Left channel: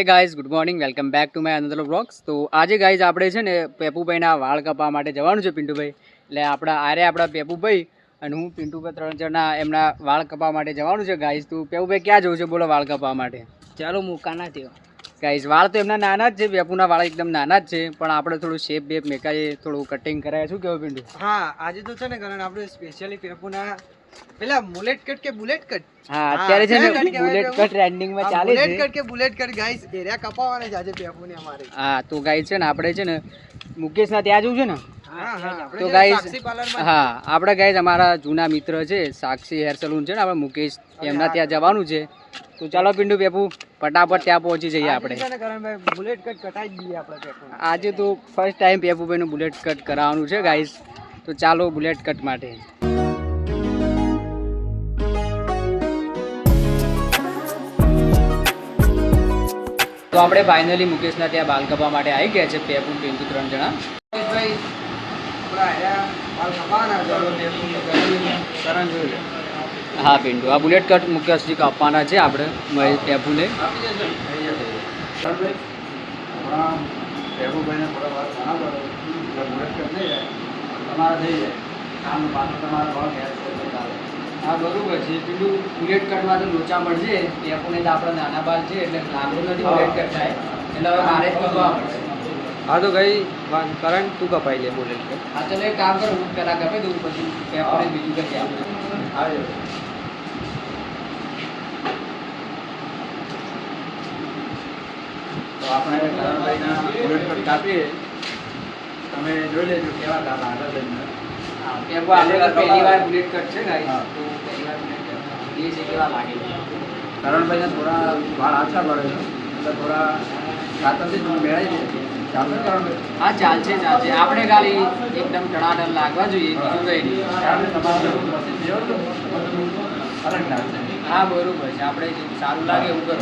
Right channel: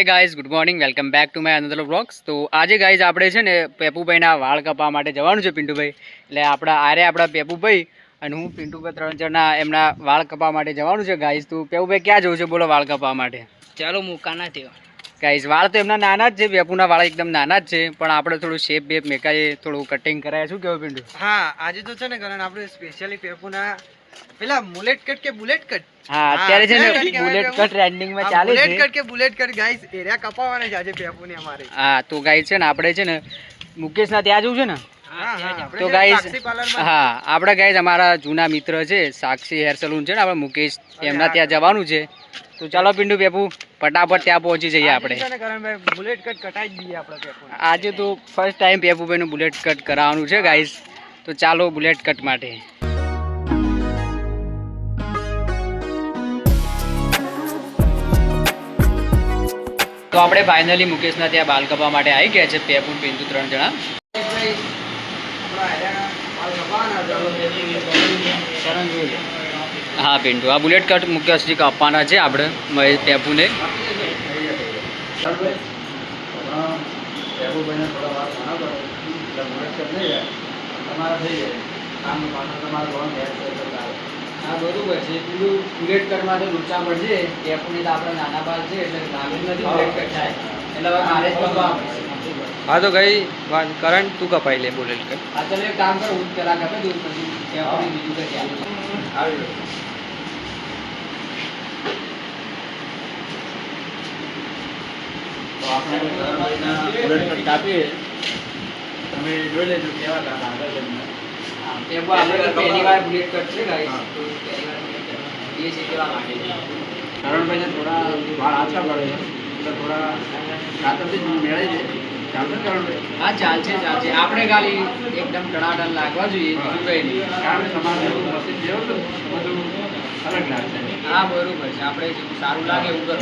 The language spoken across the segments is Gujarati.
Hey guys, good morning, welcome back to my another vlogs. તો આજે ગાઈઝ આપણે છે ને પેપુભાઈના વાળ કપાવવા માટે જવાનું છે. પિન્ટુભાઈ એટલે આપણા પેપુભાઈ અને હું પિન્ટુભાઈ 3 જણા એમના વાળ કપાવવા માટે જવાનું છે ગાઈઝ. તો પેપુભાઈ ક્યાં જવું છે બોલો વાળ કપાવવા માટે? ચાલો મુકાના થયો ગાઈઝ વાળ તો એમના નાના જ છે, પેપુના વાળ એકદમ નાના જ છે, પણ આપણે થોડું શેપ બેપ મેકાઈએ, થોડું કટિંગ કરાય. શું કહેવું પિન્ટુ? હા, આજે તો છે ને કારણ આપણે સ્પેશિયલી પેપુના પેલા બુલેટ કટ કે બુલેટ કટ, હા અત્યારે છે ને બુલેટ કટ ટ્રેન્ડિંગમાં ચાલે છે. બુલેટ કટ કે બુલેટ કટ ગાઈસ એરિયા કપાવવાના છે આજે પેપુને અમારે. હા તો ગાઈઝ છે ને આપણે છે ને મુકેશના ત્યાં જવું છે ને. તો ગાઈઝ હા આપણે ગાઈઝ અમારા જૂના મિત્ર છે સાક્ષી હેર સલૂન છે ને, આપણે મુકેશ એમના ત્યાં જવાનું છે. તો ચાલો પિન્ટુ પેપુ ફટાફટ ત્યાં પહોંચી જઈએ આપણે. બુલેટ કટ કટાઈ દઈએ આપણે પેપુને. આજે તો ફર્સ્ટ ટાઈમ પેપુભાઈનું બુલેટ કટ કરાવવાનું છે ગાઈઝ. તો ચાલો બુલેટ કટ માટે. તો આપણે ફાઇનલી મુકેશના ત્યાં બાલ કપાવવા માટે આવી ગયા છે, પેપુ પિન્ટુ 3 જણા. હા પિન્ટુ, આ બુલેટ કટ મુકેશજી કાપવાના છે આપણે પેપુને. હા બરોબર છે, પેલું બુલેટ કટમાં તો લોચા પડશે. પેપુને તો આપણા નાના બાલ છે એટલે લાગુ નથી બુલેટ કટ થાય, એટલે હવે મારે જ કપાવવા પડશે. હા તો ગઈ કરણ તું કપાઈ લે બુલેટ કટ. હા ચાલો એક કામ કરો, હું પહેલાં કપાઈ દઉં પછી પેપુને બીજું કટ આવે. તો આપણે બુલેટ કટ કાપીએ, તમે જોઈ લેજો કેવા લાગે છે. પહેલી વાર બુલેટ કટ છે ગાઈસ, તો પહેલી વાર બુલેટ કટ એ છે કેવા લાગે છે. કરણભાઈને થોડા વાળ આછા પડે એટલે થોડા રાતથી મેળવી દે. ચાલશે કરણભાઈ? હા ચાલશે ચાલશે. આપણે ખાલી એકદમ ટણાટણ લાગવા જોઈએ, બીજું કંઈ નહીં. કારણ કે તમારે મશીન જેવું તો અલગ લાગશે. હા બરોબર છે, આપણે જેવું સારું લાગે એવું કરો.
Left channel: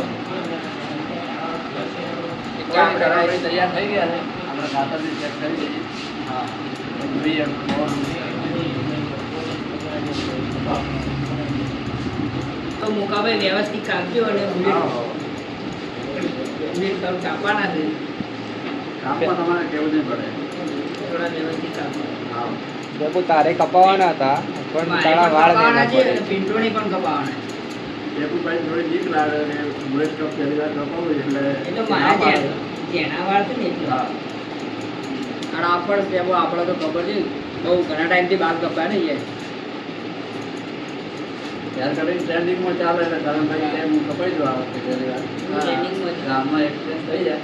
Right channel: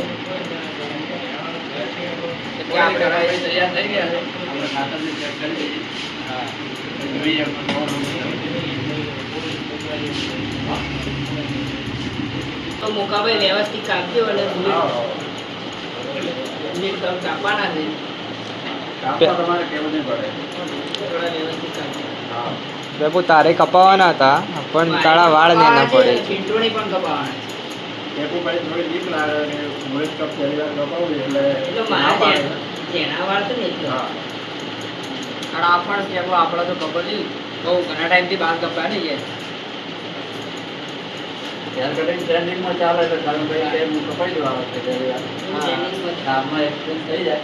એટલે આપણે કાંઈ તૈયાર થઈ ગયા છે, આપણે ખાતરની ચેક કરી. હા જોઈએ તો મુકાભાઈ વ્યવસ્થિત કાપજો અને બુલેટ કાપવાના છે. તમારે કેવું નહીં પડે. થોડા વ્યવસ્થિત કાપજો. પેપુ તારે કપાવવાના હતા પણ તારા વાળ લેના પડે. પિન્ટોને પણ કપાવવાના પેપુભાઈ થોડી બીક લાગે અને બુલેટ કપ પહેલી વાર કપાવું એટલે એટલે મારા જેના વાળ છે ને એટલે પણ આપણે પેપુ આપણે તો ખબર છે બહુ ઘણા ટાઈમથી બાલ કપાય ને યાર. હેર કટિંગ ટ્રેન્ડિંગમાં ચાલે છે, કારણ કે કપાઈ દો આ વખતે ગામમાં એક્સપિરિયન્સ થઈ જાય.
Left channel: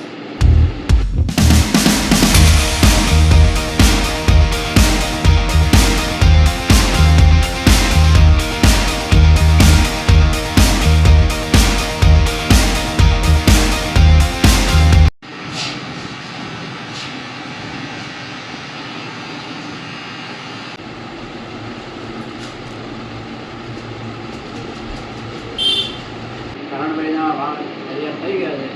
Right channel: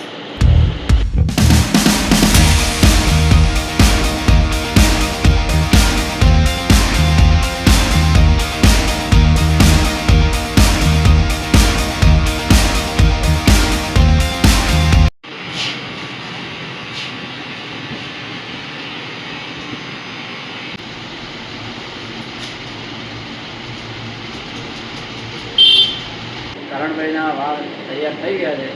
કરણભાઈના વાળ તૈયાર થઈ ગયા છે,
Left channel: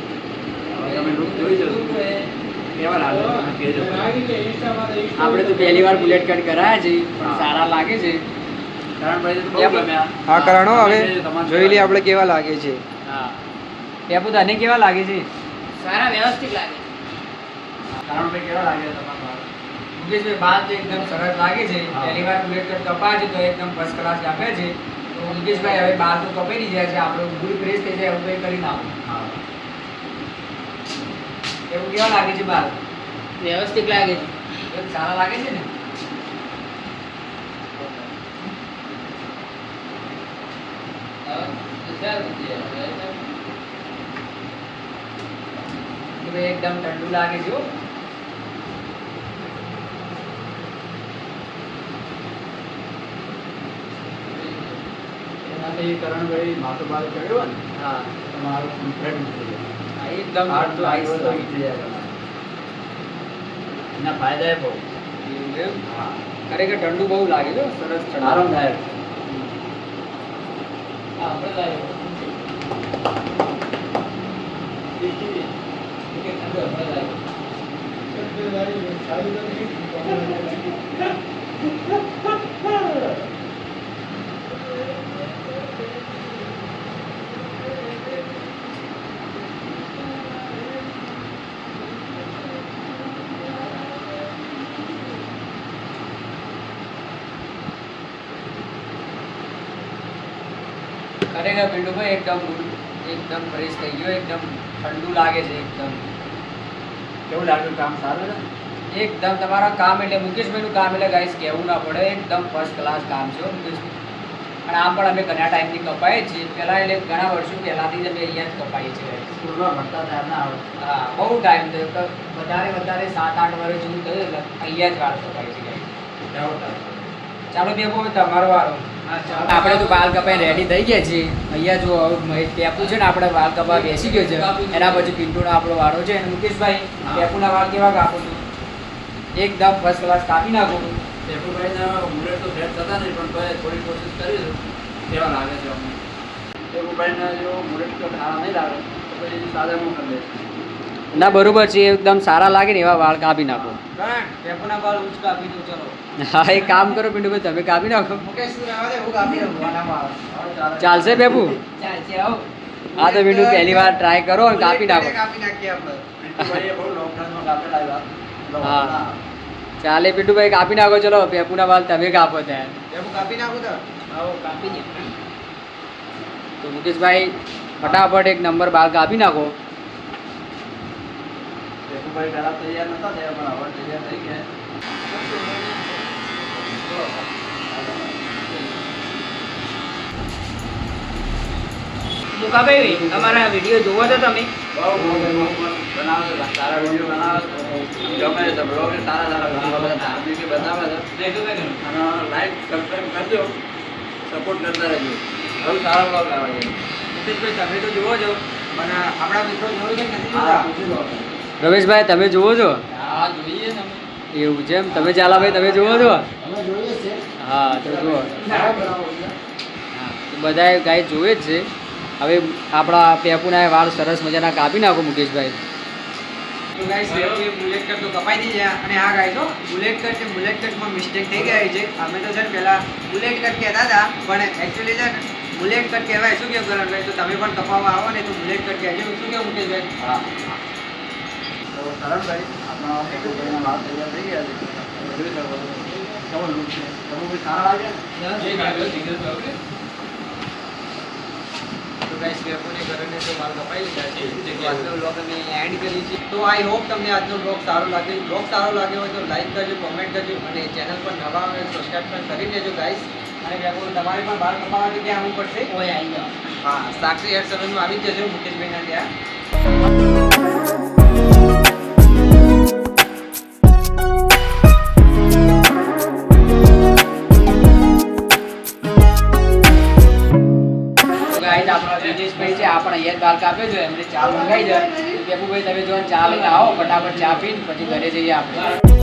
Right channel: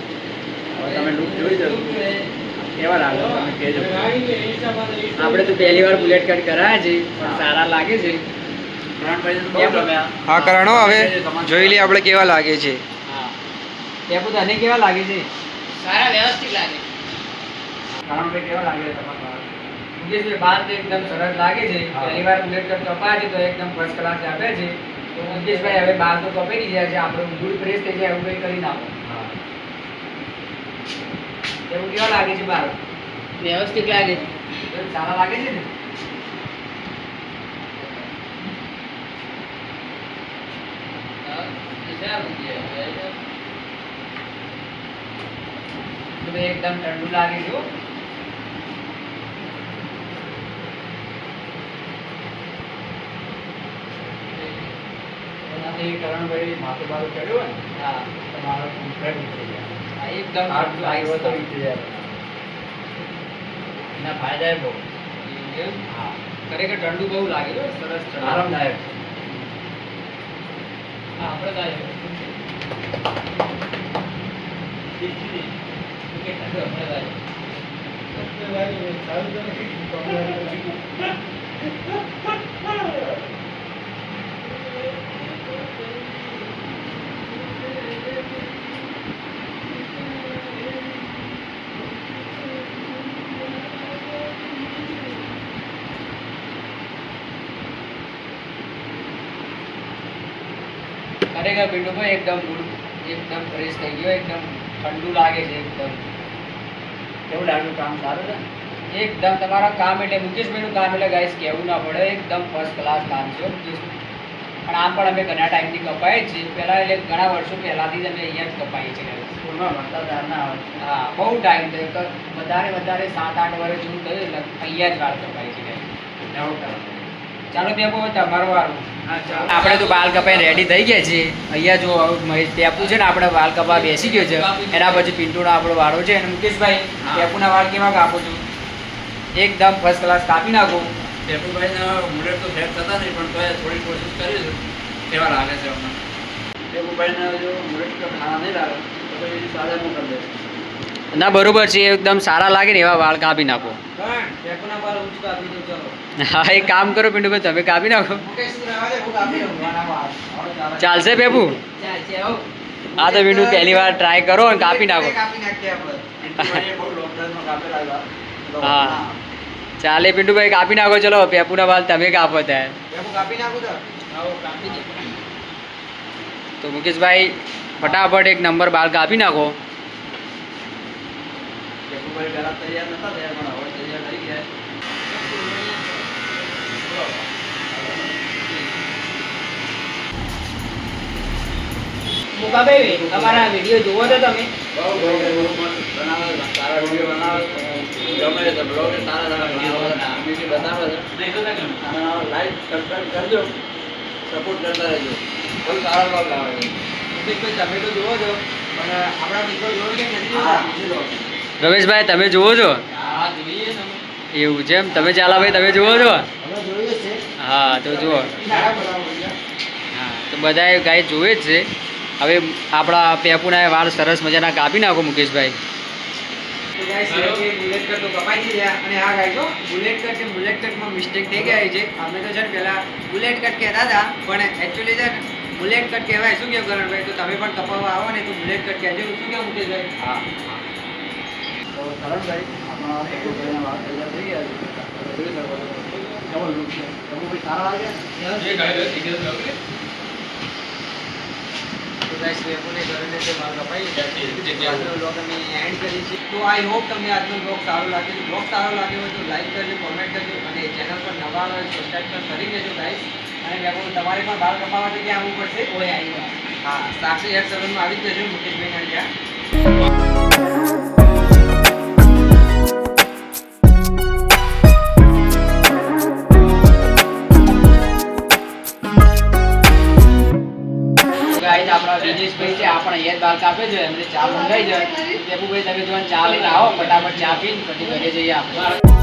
હવે તમે લુક જોઈ જજો કેવા લાગે તમે કહેજો. આપણે તો પહેલી વાર બુલેટ કટ કરાયા છે, સારા લાગે છે. કરણભાઈને તો બહુ ગમ્યા. હા કરણો, હવે જોઈ લઈએ આપણે કેવા લાગે છે. હા પેપુ તને કેવા લાગે છે? સારા વ્યવસ્થિત લાગે. કરણભાઈ કેવા લાગે તમારા મુકેશભાઈ? બાલ તો એકદમ સરસ લાગે છે. પહેલી વાર બુલેટ કટ કપાય છે તો એકદમ ફર્સ્ટ ક્લાસ લાગે છે. તો મુકેશભાઈ હવે બાલ તો કપાઈ જાય છે, આપણે ઊંઘું ફ્રેશ થઈ જાય એવું કંઈ કરી નાખો. એવું કેવા લાગે છે બાલ? વ્યવસ્થિત લાગે છે. એમ સારા લાગે છે ને? તો એકદમ ઠંડુ લાગે છે હો. કરણભાઈ માથું બાલ ચડ્યો ને, હા તમારો કોન્ફિડન્સ થઈ જાય. એકદમ ઠંડુ આઈસ થઈ જાય. એના ફાયદા બહુ. હા ખરેખર ઠંડુ બહુ લાગે છે, સરસ આરામદાયક. ખરેખર પિન્ટુભાઈ એકદમ ફ્રેશ થઈ ગયો, એકદમ ઠંડુ લાગે છે એકદમ. કેવું લાગ્યું કામ? સારું ને એકદમ. તમારા કામ એટલે મુકેશભાઈનું કામ એટલે ગાઈસ કહેવું ના પડે, એકદમ ફર્સ્ટ ક્લાસ કામ છે મુકેશભાઈ. અને આમ પણ અમે ઘણા ટાઈમથી કપાઈએ છીએ, પહેલાં એટલે ઘણા વર્ષો પહેલાંથી જ અમે અહીંયા જ કપાઈએ છીએ ગાઈસ. સ્કૂલમાં ભણતા ત્યારના આવે. હા, બહુ ટાઈમ થયો, વધારે 7-8 વર્ષ જેવું થયું એટલે અહીંયા જ વાળ કપાય છે ગાઈસ. ચાલો ત્યાં બહુ તમારો વારો. આપણે તો વાળ કપાઈ રેડી થઈ ગયા છીએ. અહીંયા જો મહેશ ટેપુ છે ને, આપણે વાળ કપા બેસી ગયો છે. એના પછી પિન્ટુનો આપણો વાળો છે. અને મુકેશભાઈ ટેપુના વાળ કેવા કાપો છો? એકદમ ફર્સ્ટ ક્લાસ કાપી નાખો. ટેપુભાઈના બુલેટ તો સેટ થતા નહીં, પણ તોય થોડી કોશિશ કરીશું કેવા લાગે છે અમને. ટેપુભાઈને જો બુલેટ તો ખાવા નહીં લાગે તો પછી સાદાનું કરી દઈશું. ના બરોબર છે, એકદમ સારા લાગે ને એવા વાળ કાપી નાખો. ટેપુના વાળ ઊંચ કાપી દો. ચલો હા, એક કામ કરો પિન્ટુભાઈ, તમે કાપી નાખો. મુકેશ શું રહેવા દે, હું કાપી દઉં આના વાળ. ચાલશે પેપુ? ચાલશે આવો. હા તો પિન્ટુ પહેલી વાર ટ્રાય કરો અને કાપી નાખો. કાપી નાખીએ આપણે. પિન્ટુભાઈએ બહુ લોંગ ટાઈમમાં કાપેલા હતા. હા ચાલે પિન્ટુભાઈ, કાપી નાખો. ચલો પેપુના વાળ તમે કાપો ત્યાં. ટેપુ કાપી નાખું તો આવો કાપી દે. તો મુકેશભાઈ ફટાફટ એક નંબર બાલ કાપી નાખો. ટેપુભાઈ પહેલા તૈયાર નતા થયા, પણ હવે તૈયાર થઈ ગયા. મુકાભાઈ અમારા વિડીયો જોવો તો તમે? બહુ બનાવે છે, સારા વિડીયો બનાવે છે. ગમે છે બ્લોગ, સારા વિડીયો બનાવે છે. અને લાઈક સબસ્ક્રાઈબ કરજો, સપોર્ટ કરતા રહેજો. હવે સારા બ્લોગ આવે છે. મુકેશભાઈ તમે તો જુઓ છો, પણ આપણા મિત્રો જોવો કે નથી હા, જોતા? પૂછી લો. રમેશભાઈ તમે જુઓ છો? હા જોઈએ તમે. એવું છે એમ? તમે ચાલાભાઈ તમે જુઓ છો? અમે જોઈએ છે. હા તો જુઓ. હા તો બધાએ ગાય જોવે જ છે. હવે આપણા પેપુના વાળ સરસ મજાના કાપી નાખો મુકેશભાઈ. તો ગાઈસ બુલેટ કટ તો કપાઈ થઈ ગયા. અને આ ગાઈસ બુલેટ કટ ને બુલેટ કટમાં મિસ્ટેક થઈ ગઈ છે. અમે તો છે ને પહેલા બુલેટ કટ કહેતા હતા, પણ એકચ્યુઅલી છે ને બુલેટ કટ કહેવાય. શું કેવું કરણભાઈ? તો તમે પણ કપાવવા આવો ને તો બુલેટ કટ કહેજો. શું કેવું મુકેશભાઈ? હા. તો કરણભાઈ, આપણા ટેપુભાઈના વાળ તૈયાર થઈ ગયા છે. તમે જોઈ શકો છો કેવો લુક છે. ટેપુભાઈ સારા લાગે ને? તો ગાઈસ પેપુને કરણને જે માલ કપાઈ ગયા છે, આજનો બ્લોગ અમે એન્ડ કરી છે. તો આઈ હોપ તમને આજનો બ્લોગ સારો લાગ્યો. બ્લોગ સારો લાગ્યો હોય તો લાઈક કરજો, કોમેન્ટ કરજો, અને ચેનલ પર નવા હોય તો સબસ્ક્રાઈબ પણ કરી દેજો ગાઈસ. અને પેપુ તમારી પણ વાળ કપાવવા ક્યાં આવવું પડશે? ઓય આવી જાઓ. હા, સાક્ષી હેર સલૂનમાં આવી જ જજો મુકેશભાઈના ત્યાં. ગાઈસ આપણા દિનેશભાઈ છે, આપણે અહીંયા જ બાલ કાપે છે. એમને ચા મંગાઈ જાય. પેપુભાઈ તમે જો ચા લઈને આવો, ફટાફટ ચા પીને પછી ઘરે જઈએ આપણે.